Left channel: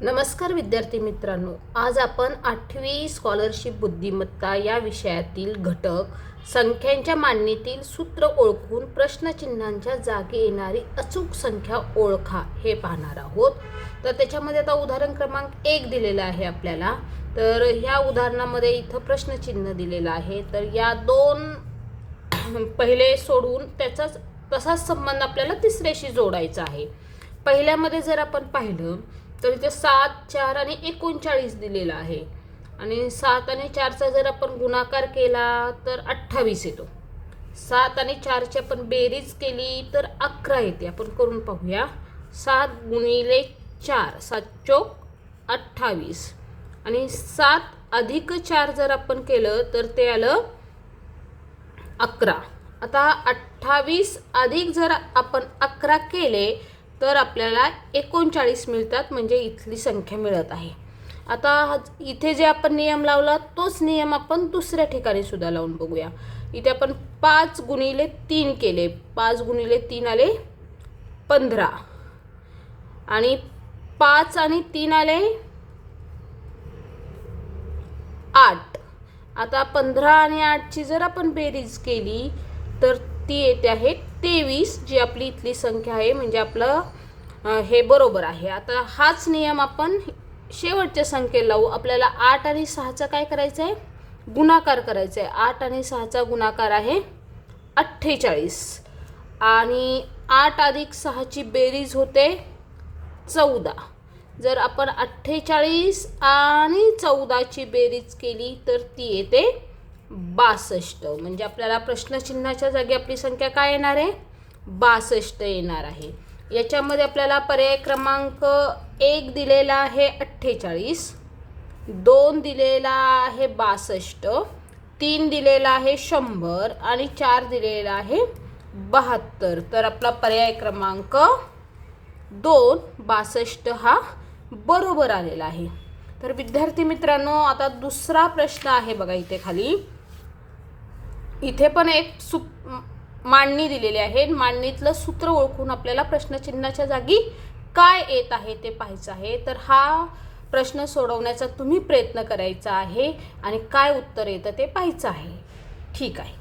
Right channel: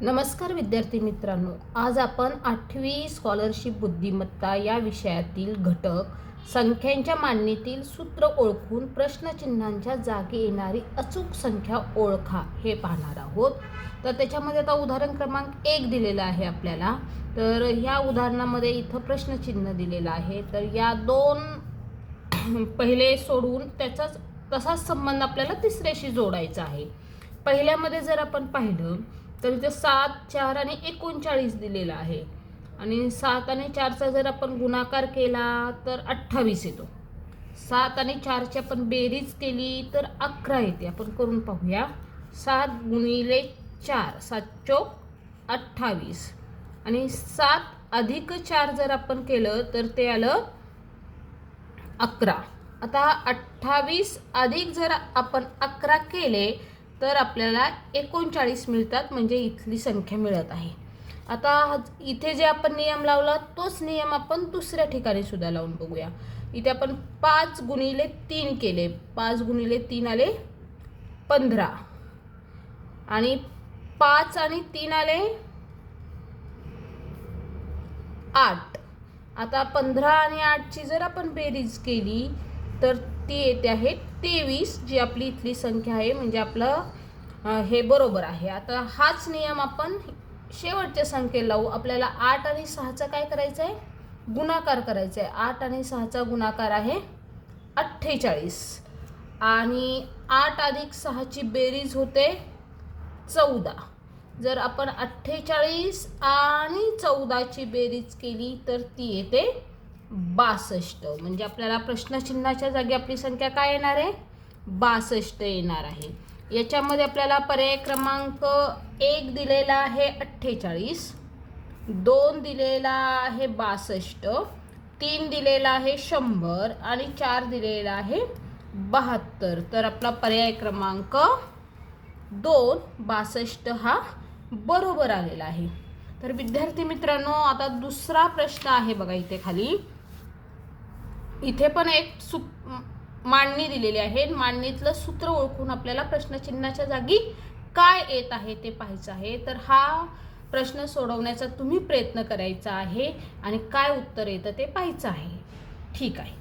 नमस्कार विद्यार्थी मित्रांनो, आज आपण 8वी स्कॉलरशिप बुद्धिमत्ता या विषयातील घटक संख्यांच्या मांडणीतील सूत्र ओळखून प्रश्नचिन्हांच्या जागी येणारी अचूक संख्या ओळखा हे पाहणार आहोत। तर त्याच्यामध्ये आता उदाहरण क्रमांक 1 दिलेला आहे आपल्याला। तर ह्या उदाहरणामध्ये इथं प्रश्नचिन्ह दिलेलं आहे। तर या दोन पहिले सोडून त्याचाच तसाच संबंध आपल्याला तिसऱ्याशी जोडायचा आहे। पहिल्यामध्ये जर आपण पाहिलं तर इथे 7, 4 आणि 39 दिलेला आहे आणि 7 आणि 4चा जर आपण गुणाकार केला तर 28 येतो। 7 आणि 4ची आपण बेरीज केली तर 11 येते। आपण करून पाहूया। 7 गुणिले 4 7 चौक 28 आणि 7 अधिक 4 जर आपण केलं तर ते आलं 11। आता 28 अधिक जर आपण 11 केले तर आपल्याला 39 मिळतात, म्हणजे इथली संख्या मिळत आहे। आता इथे जे आपण नियम लावला तोच नियम आपण दुसऱ्या ठिकाणी सुद्धा लावून बघूया। इथे आपण 5 गुणिले 3 केले, 5 गुणिले 3 आले 15 आणि 5 आणि 3 आले 8। आता 15 आणि 8ची जर आपण बेरीज केली तर ती येते आहे 23, जी आपली इथली संख्या आहे, म्हणजे आपलं हे बरोबर आहे। आता हाच नियम आपण शेवटच्या संख्येला लावू। आपल्याला 8 आणि 6चा काय करायचं आहे, गुणाकार करायचा आहे। 8 आणि 6चा गुणाकार आहे 48 आणि 8 अधिक 6ची बेरीज होते 14। जर आपण 48 आणि 14ची बेरीज केली तर ती येते 62, म्हणजे आपल्याला प्रश्नचिन्हाच्या जागी आपली संख्या काय येणार आहे, 62 येणार आहे। याच्यामध्ये आपल्याला पर्याय क्रमांक 1 दिलेला आहे 48, 2 दिलेला आहे 62, 3 दिलेला आहे 100 आणि 4 दिलेला आहे 72। तर आपला पर्याय क्रमांक 2 62 हा बरोबर आलेला आहे। तर विद्यार्थी मित्रांनो, आता दुसरा प्रश्न आहे बघा इथे खाली। इथे पण एक मांडणी दिलेली आहे। मांडणीतलं सूत्र ओळखून आपल्याला प्रश्नचिन्हाच्या जागी काय येत आहे ते पाहायचं आहे। तर हा प्रश्न सोडवण्याचा तुम्ही प्रयत्न करायचा आहे आणि काय उत्तर येतं ते पाहायचं आहे। ठीक आहे।